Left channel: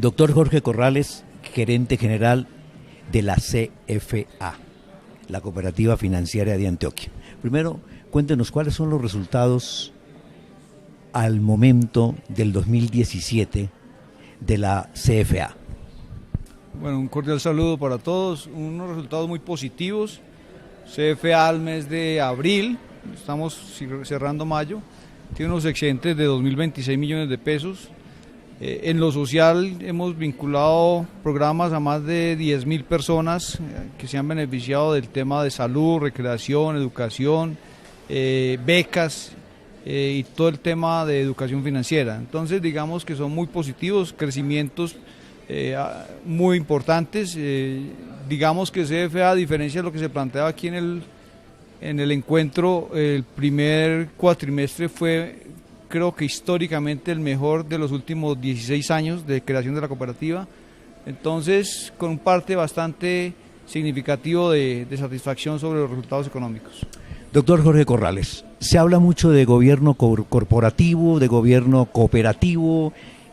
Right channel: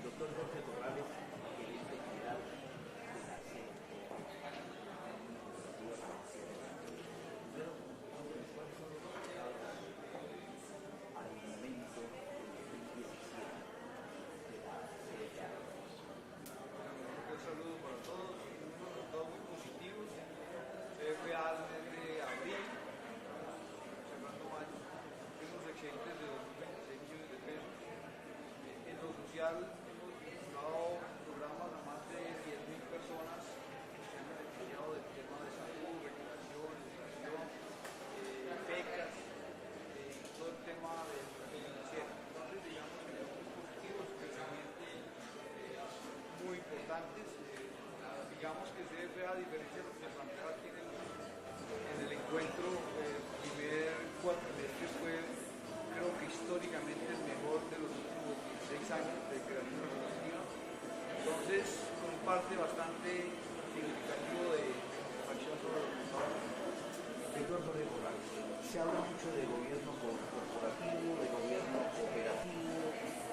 Doctor Jorge Corrales, gerente general de la CFA, la Cooperativa Financiera de Antioquia. Primero, cuéntenos cuáles son los resultados al momento del 2017 de la CFA. Bueno, un cordial saludo para todos, unos resultados muy positivos. CFA al mes de abril, estamos cerrando mayo, tiene unos excedentes de 2.026 millones de pesos. En lo social hemos vinculado programas a más de 10.000 personas que se han beneficiado del tema de salud, recreación, educación, becas y todo el tema de educación financiera. Entonces digamos que son muy positivos, crecimientos muy importantes. Digamos que CFA, a diferencia de lo que se planteaba aquí en el encuentro, el primer cuatrimestre fue, creo que históricamente, el mejor de los últimos 16 años de creación de la cooperativa. Entonces, con un parte bastante significativo de satisfacción sobre los resultados económicos. Doctor Jorge Corrales, se habla mucho de gobierno corporativo, de gobierno cooperativo,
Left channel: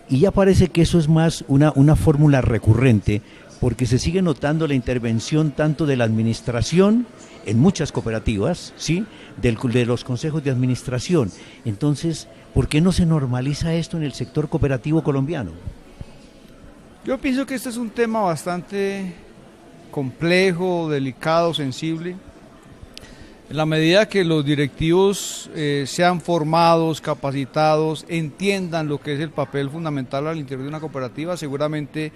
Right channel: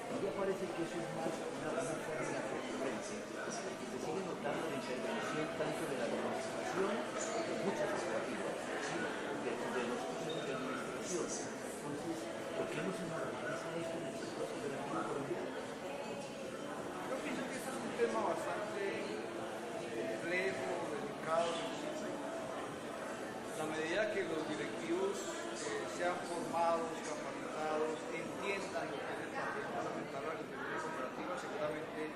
y ya parece que eso es más una fórmula recurrente, porque se sigue notando la intervención tanto de la administración en muchas cooperativas, ¿sí?, de los consejos de administración. Entonces, ¿por qué no se normaliza esto en el sector cooperativo colombiano? Yo pienso que este es un tema bastante complejo, delicado, sensible. En la medida que los directivos sean formados, capacitados, entiendan lo que es el papel fundamental al interior de una cooperativa, seguramente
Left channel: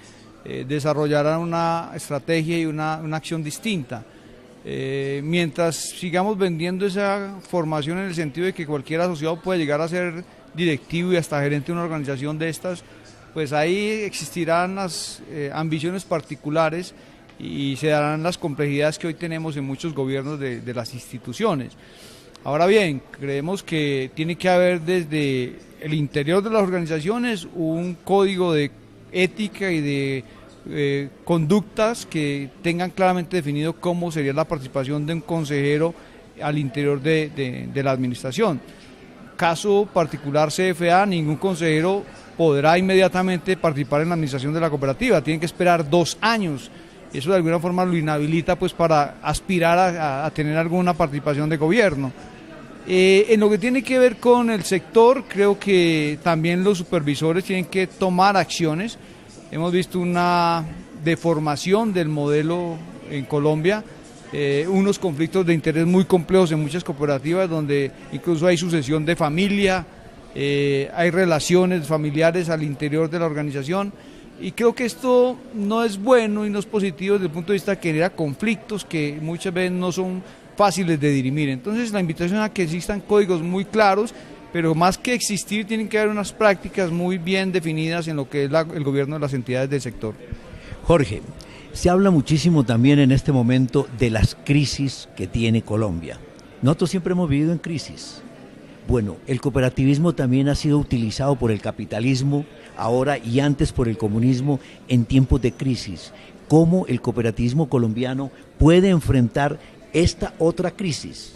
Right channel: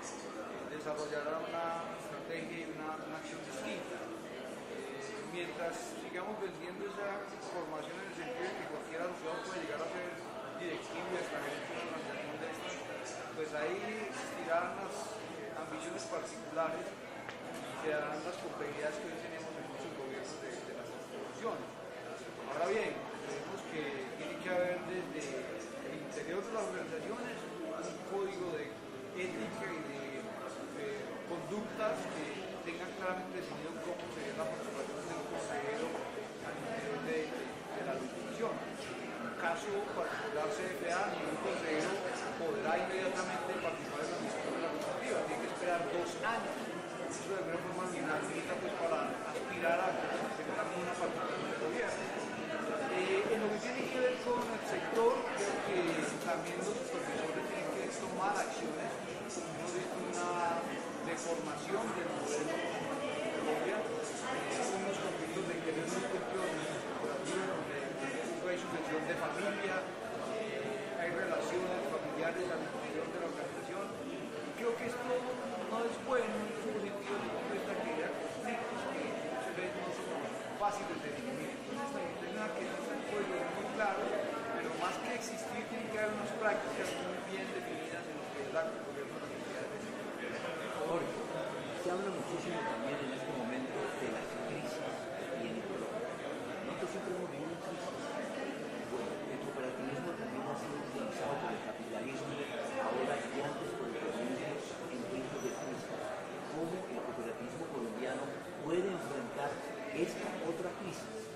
desarrollarán una estrategia y una acción distinta. Mientras sigamos vendiendo esa formación en el sentido de que cualquier asociado puede llegar a ser directivo y hasta gerente de una organización de estas, pues ahí existirán las ambiciones particulares y se darán las complejidades que hoy tenemos en muchos gobiernos de las instituciones. Ahora bien, creemos que tiene que haber desde el interior de las organizaciones un código de ética y de conductas que tengan claramente definido cómo sería la participación de un consejero al interior de la administración. Caso particular CFA, ningún consejero podrá inmediatamente participar en la administración de la cooperativa, tienen que esperar 2 años. Eso de alguna forma lo inhabilita pues para aspirar a tener alguna participación de gobierno. En lo que tiene que ver con el sector, creo que también los supervisores tienen que tomar acciones. Hemos visto una deformación del modelo en Colombia, unos conflictos de interés muy complejos en muchas cooperativas donde incluso hay sucesión de familia, hay relaciones familiares al interior de la organización, y creo que esto no es bueno y no es positivo desde el punto de vista que genera conflictos que muchas veces no son fáciles de dirimir. Entonces la invitación a que existan códigos muy claros, pero más que existir tienen que haber unas prácticas muy bien definidas en lo que es el gobierno de las entidades del sector. Jorge, se habla muchísimo también en este momento de las crisis que tiene Colombia. Nosotros siempre hemos vivido en crisis. Bueno, el cooperativismo también ha sido utilizado por el capitalismo, ahora y antes por el comunismo, en tiempos de crisis. ¿Cómo el cooperativismo colombiano puede enfrentar esta otra crisis?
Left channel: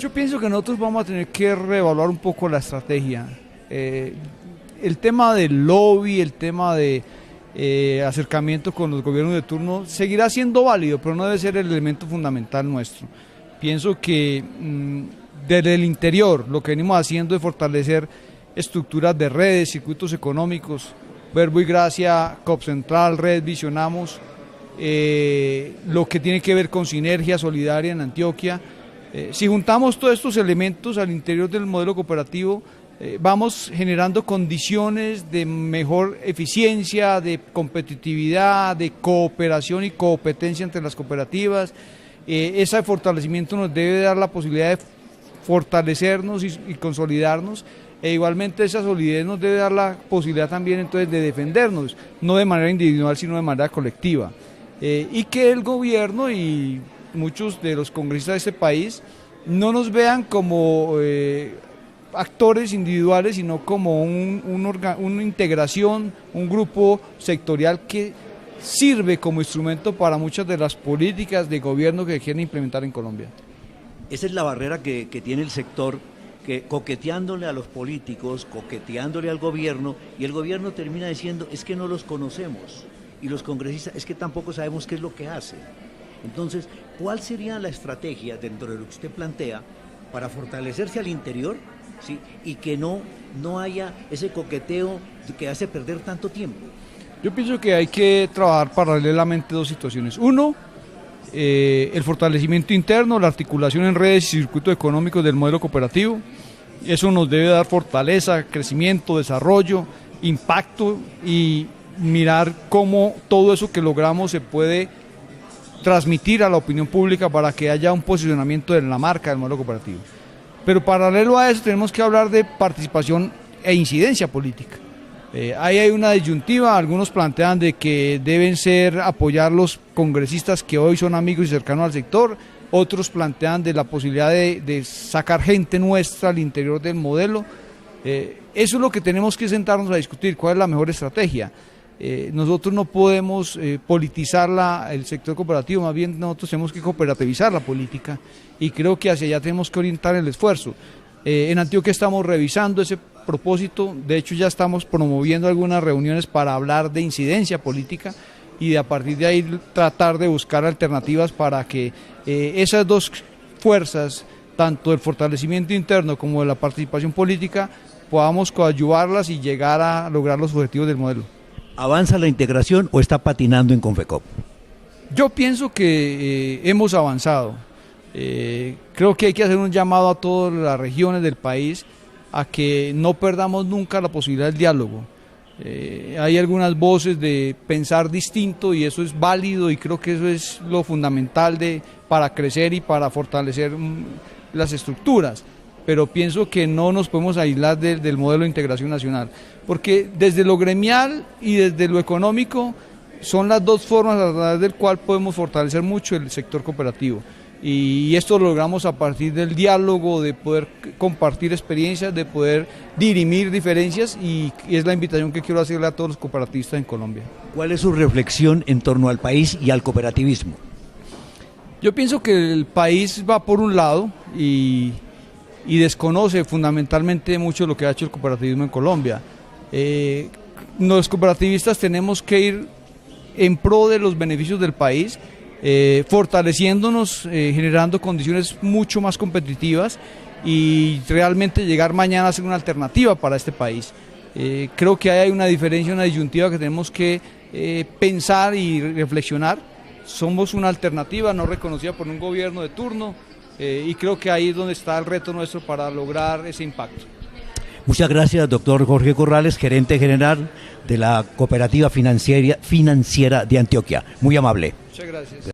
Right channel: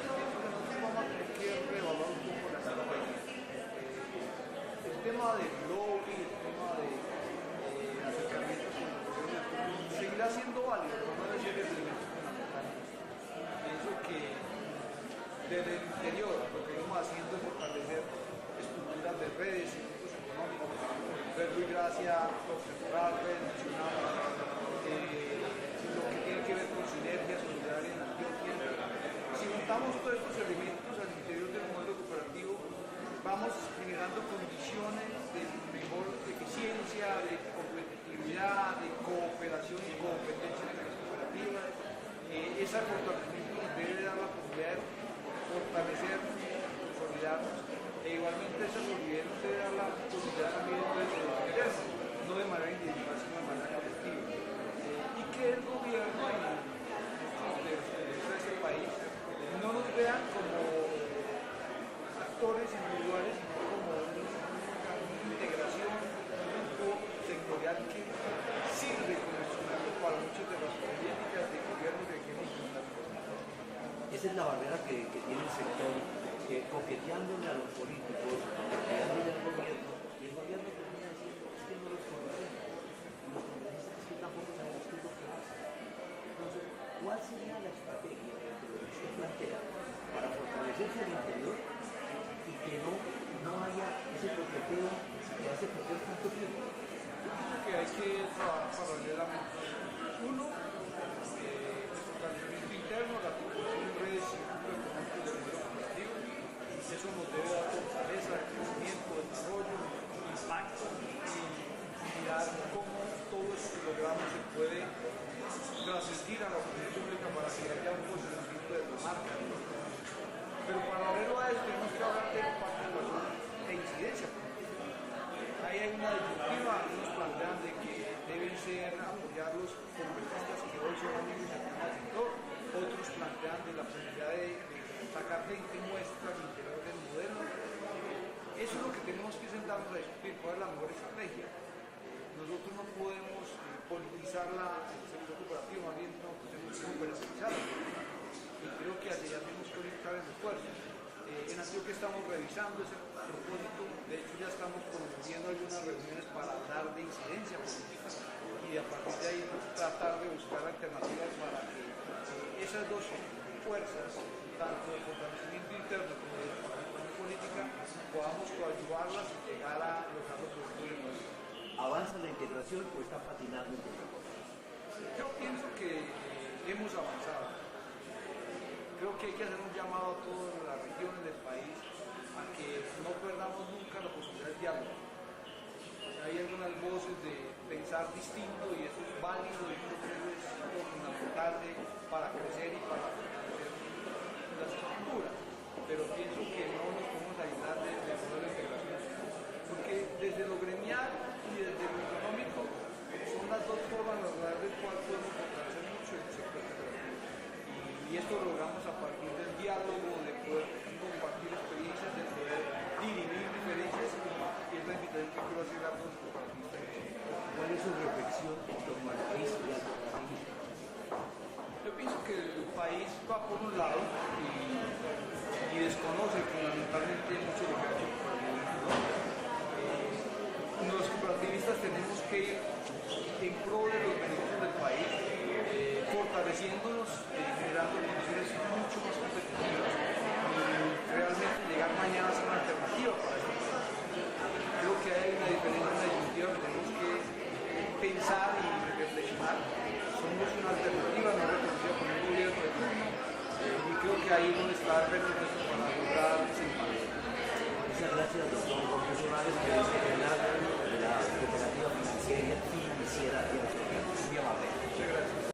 Yo pienso que nosotros vamos a tener que reevaluar un poco la estrategia. El tema del lobby, el tema de acercamiento con los gobiernos de turno seguirá siendo válido, pero no debe ser el elemento fundamental nuestro. Pienso que desde el interior lo que venimos haciendo es fortalecer estructuras de redes, circuitos económicos, Verbo y Gracia, COP Central, Red Visionamos, lo que tiene que ver con sinergia solidaria en Antioquia. Si juntamos todos estos elementos al interior del modelo cooperativo, vamos generando condiciones de mejor eficiencia, de competitividad, de cooperación y competencia entre las cooperativas. Ese fortalecimiento nos debe dar la posibilidad de fortalecernos y consolidarnos, e igualmente esa solidez nos debe dar la posibilidad también entonces de defendernos, no de manera individual sino de manera colectiva. Y que el gobierno y muchos de los congresistas de este país no nos vean como actores individuales, sino como una integración, un grupo sectorial que sirve como instrumento para muchas de las políticas de gobierno que quieren implementar en Colombia. Esa es la barrera que tiene el sector coqueteándole a los políticos, coqueteándole al gobierno, y el gobierno termina diciendo, es que no los conocemos, y los congresistas, es que tampoco sabemos qué es lo que hacen. Entonces, ¿cuál sería la estrategia dentro de lo que usted plantea para fortalecerse al interior, ¿sí? Y que no haya ese coqueteo que hace perder tanto tiempo? Yo pienso que hay que trabajar paralelamente dos situaciones. Uno, el fortalecimiento interno, la articulación en redes y circuitos económicos del modelo cooperativo. Eso nos debe dar fortaleza, crecimiento, desarrollo, impacto y mirar cómo todo eso que logramos se puede transmitir a la opinión pública para que haya un posicionamiento de la marca del modelo cooperativo. Pero paralelo a eso tenemos que hablar de participación e incidencia política. Ahí hay una disyuntiva, algunos plantean de que deben ser apoyar los congresistas que hoy son amigos y cercanos al sector, otros plantean de la posibilidad de sacar gente nuestra al interior del modelo. Eso es lo que tenemos que sentarnos a discutir, cuál es la mejor estrategia. Nosotros no podemos politizar el sector cooperativo, más bien nosotros tenemos que cooperativizar la política y creo que hacia allá tenemos que orientar el esfuerzo. En Antioquia estamos revisando ese propósito, de hecho ya estamos promoviendo algunas reuniones para hablar de incidencia política y a partir de ahí tratar de buscar alternativas para que esas dos fuerzas, tanto el fortalecimiento interno como de la participación política, podamos coadyuvarlas y llegar a lograr los objetivos del modelo. ¿Avanza la integración o está patinando en Confecop? Yo pienso que hemos avanzado. Creo que hay que hacer un llamado a todas las regiones del país a que no perdamos nunca la posibilidad del diálogo. Hay algunas voces de pensar distinto y eso es válido y creo que eso es lo fundamental para crecer y para fortalecer las estructuras, pero pienso que no nos podemos aislar del modelo de integración nacional, porque desde lo gremial y desde lo económico son las dos formas a través del cual podemos fortalecer mucho el sector cooperativo. Y esto lo logramos a partir del diálogo, de poder compartir experiencias, de poder dirimir diferencias y es la invitación que quiero hacerle a todos los cooperativistas en Colombia. ¿Cuál es su reflexión en torno al país y al cooperativismo? Yo pienso que el país va por un lado y desconoce fundamentalmente mucho lo que ha hecho el cooperativismo en Colombia. Los cooperativistas tenemos que ir en pro de los beneficios del país, fortaleciéndonos, generando condiciones mucho más competitivas y realmente llegar mañana a ser una alternativa para este país. Creo que hay una diferencia, una disyuntiva que tenemos que pensar y reflexionar. Somos una alternativa no reconocida por un gobierno de turno y creo que ahí es donde está el reto nuestro para lograr ese impacto. Muchas gracias, doctor Jorge Corrales, gerente general de la Cooperativa Financiera de Antioquia. Muy amable. Muchas gracias.